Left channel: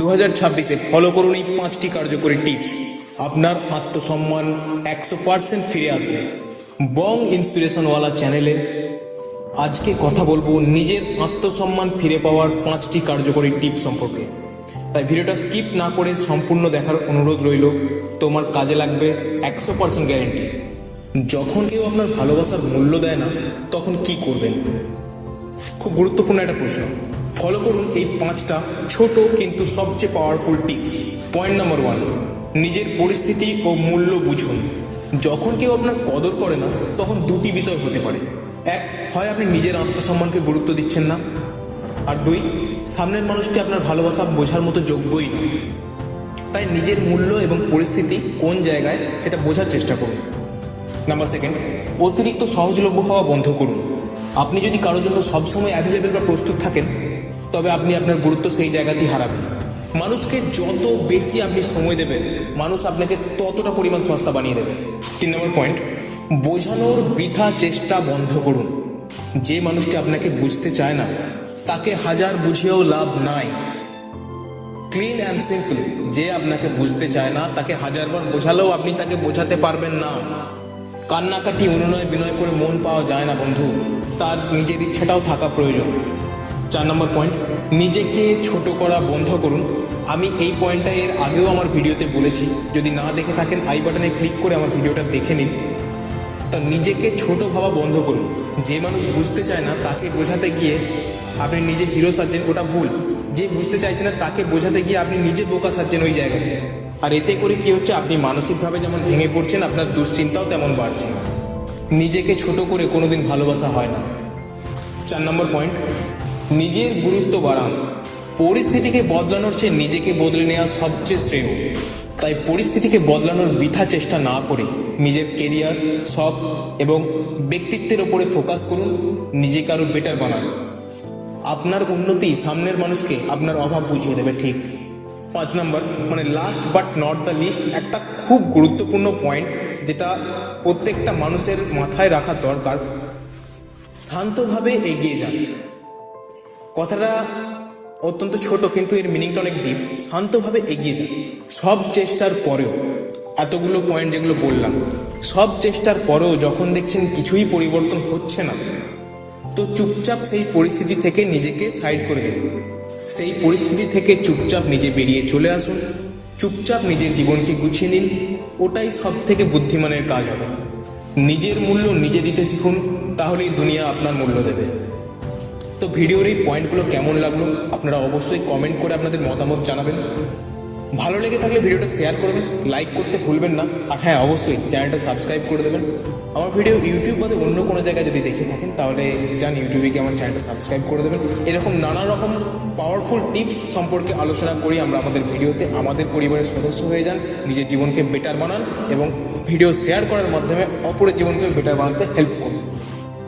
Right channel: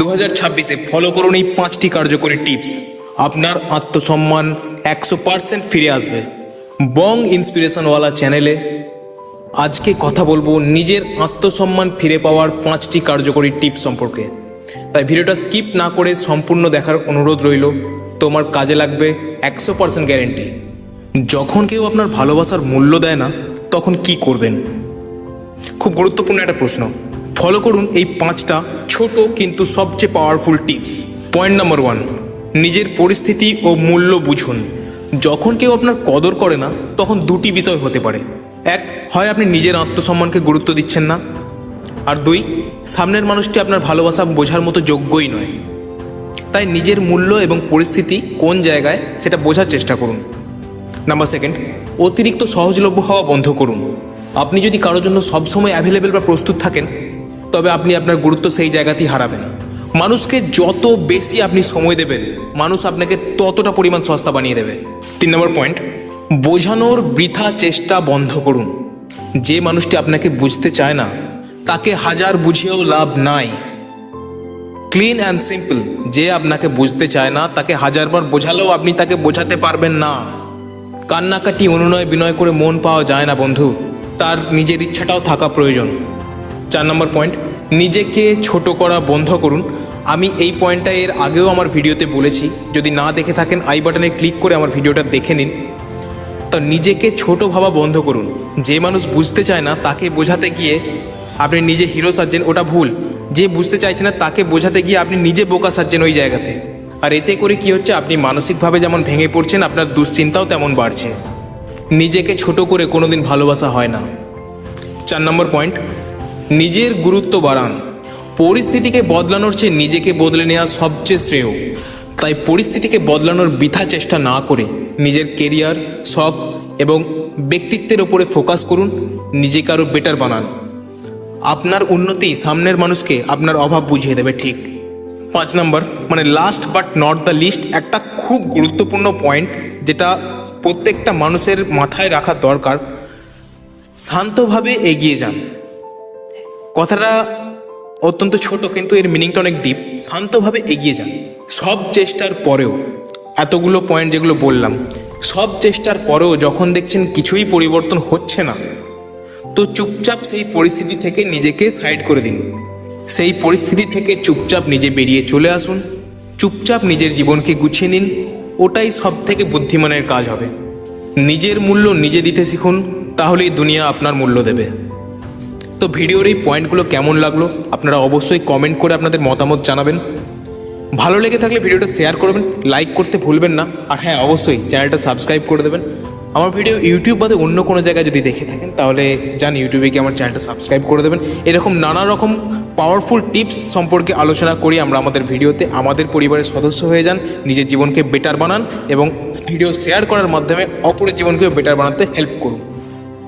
2026-এ follow করুন এই 5টি কার্যকরী টিপস। আপনার আত্মসম্মান 100% ফিরে আসবে। বং ইন্সপিরেশনওয়ালা চ্যানেলে আজকে কথা বলবো নিজের আত্মসম্মান ফিরে পাওয়ার 5টি কার্যকরী টিপস সম্পর্কে। তাই ভিডিওটা স্কিপ না করে সম্পূর্ণ দেখার অনুরোধ রইল। তোমার কাজে লাগবে, 100% গ্যারেন্টি। যখন কেউ আপনার ভালোবাসার মূল্য দেয় না, তখন কি করবেন? খুব গুরুত্বপূর্ণ একটা প্রশ্ন। ফলো করুন এই 5টা ছোট কিন্তু সবচেয়ে পাওয়ারফুল টিপস। পয়েন্ট নাম্বার 1, নিজের পরিস্থিতি ও মূল্য বুঝুন। যখন কেউ আপনার কদর করে না, তখন দুটি বিষয় হতে পারে। এক, হয় আপনি নিজের আত্মসম্মানকে গুরুত্ব দিচ্ছেন না, আর 2, সামনের মানুষটি আপনার ভালোবাসা বোঝার মতো যোগ্যই নয়। তাই নিজের মূল্য এবং পরিস্থিতি কোন জায়গায় সেটা বোঝার চেষ্টা করুন। নাম্বার 2, অতিরিক্ত সহজলভ্য হওয়া বন্ধ করুন। আপনি যদি কারোর জন্য সবসময় অ্যাভেলেবেল বা প্রস্তুত থাকেন, তবে আপনি আপনার গুরুত্ব সেই জায়গাতেই হারাবেন। মানুষকে যত বেশি আপনি সময় দেবেন, মানুষ আপনাকে ততটা পরিমাণ সস্তা বানিয়ে দেবে। 3 নম্বর পয়েন্ট, বোঝানোর বৃথা চেষ্টা বন্ধ করুন। যে মানুষটি আপনাকে বুঝতে চায় না, তাকে হাজার বুঝিয়েও লাভ নাই। ক্লিন অ্যান্ড সিম্পল, যে আপনাকে বুঝতে চায় না, তাকে হাজারবার বোঝালেও আপনি তাকে বোঝাতে পারবেন না। কান্নাকাটি অনুনয় বিনয় করে মন পাওয়া যায় না বন্ধু, তার নিজের ইচ্ছাটাও থাকা প্রয়োজন। 4 নম্বর পয়েন্ট, নিজেকে ছোট করা বন্ধ করুন। আমি এই পয়েন্টটা এর আগেও আমার ভিডিওতে বলেছি, যদি না দেখে থাকেন আই বাটনে ক্লিক করে আমার ভিডিওটা দেখে নিন। তো নিজেকে ছোট ভাবা বন্ধ করুন। যে মানুষ বুঝতে চায় না, তাকে বোঝাতে গিয়ে আপনি নিজে হিরো সাজছেন, ওটা ভুল। যে বুঝতে চাইছে না, তাকে বোঝাতে গিয়ে আপনি নিজে বোকা সাজছেন ওই জায়গাতে। আর এতে করে কি হচ্ছে, আপনি মানসিকভাবে যেমন ভেঙে পড়ছেন, আপনার দুশ্চিন্তাও তেমন বাড়ছে। নিজেকে ছোট করে কোনোদিন ভালোবাসা হয় না। 4 নম্বর পয়েন্ট, নিজের গুরুত্ব বাড়ান। পরিস্থিতিকে বদলানোর চেয়ে নিজেকে বদলে নেওয়া সবচেয়ে শ্রেয়। তাই পরিস্থিতিকে বদলানোর বৃথা চেষ্টা না করে নিজের কেরিয়ার, শখ এবং ব্যক্তিত্বের ওপরে ফোকাস করুন। নিজেকে আরও বেটার বানান। আপনার উন্নতি সামনের মানুষকে আপনার অভাব বুঝিয়ে দেবে, ঠিক। 5 নম্বর, মানে last but not the least, একটা খুব গুরুত্বপূর্ণ পয়েন্ট যেটা প্রত্যেকটা মানুষের মাথায় রাখা দরকার। শান্তভাবে এগিয়ে যান। কথাটা অত্যন্ত ছোট, কিন্তু এর মিনিংটা অনেক ডিপ। শান্তভাবে এগিয়ে যান। সব চেষ্টার পরেও, এতগুলো পয়েন্ট যেগুলো বললাম, সব চেষ্টার পরেও যখন দেখছেন কিছুই পরিবর্তন হচ্ছে না, তো চুপচাপ সেই পরিস্থিতি থেকে নিজেকে সাইড করে দিন। সেই পরিস্থিতি থেকে চুপচাপ নিজে বেরিয়ে চলে আসুন। চুপচাপ নিজের জীবনকে গুছিয়ে নিন। ওটাই সব থেকে বুদ্ধিমানের কাজ হবে। নিজের মূল্য নিজে দিতে শিখুন, তাহলেই দুনিয়া আপনার মূল্য দেবে। তো ভিডিওর এই পয়েন্টগুলো কেমন লাগলো আপনারা অবশ্যই কমেন্ট করে আপনাদের মতামত জানাবেন। ভালো লেগে থাকলে ভিডিওটা শেয়ার করবেন, লাইক করতে ভুলবেন না। আর হ্যাঁ, অবশ্যই চ্যানেলটা সাবস্ক্রাইব করে দেবেন। আমার ভিডিও ইউটিউব বাদে অন্য কোনো জায়গায় যদি দেখে থাকেন, তাহলে যান ইউটিউবে গিয়ে আমার চ্যানেলটা সাবস্ক্রাইব করে দেবেন। এরকম নানা রকম পাওয়ারফুল টিপস সম্পর্কে আলোচনা করি আমরা আমাদের ভিডিওতে। আমাদের পরিবারের সদস্য হয়ে যান, নিজের জীবনকে বেটার বানান এবং ভিডিও শেয়ার করার মাধ্যমে অপরের জীবনকে বেটার বানাতে হেল্প করুন।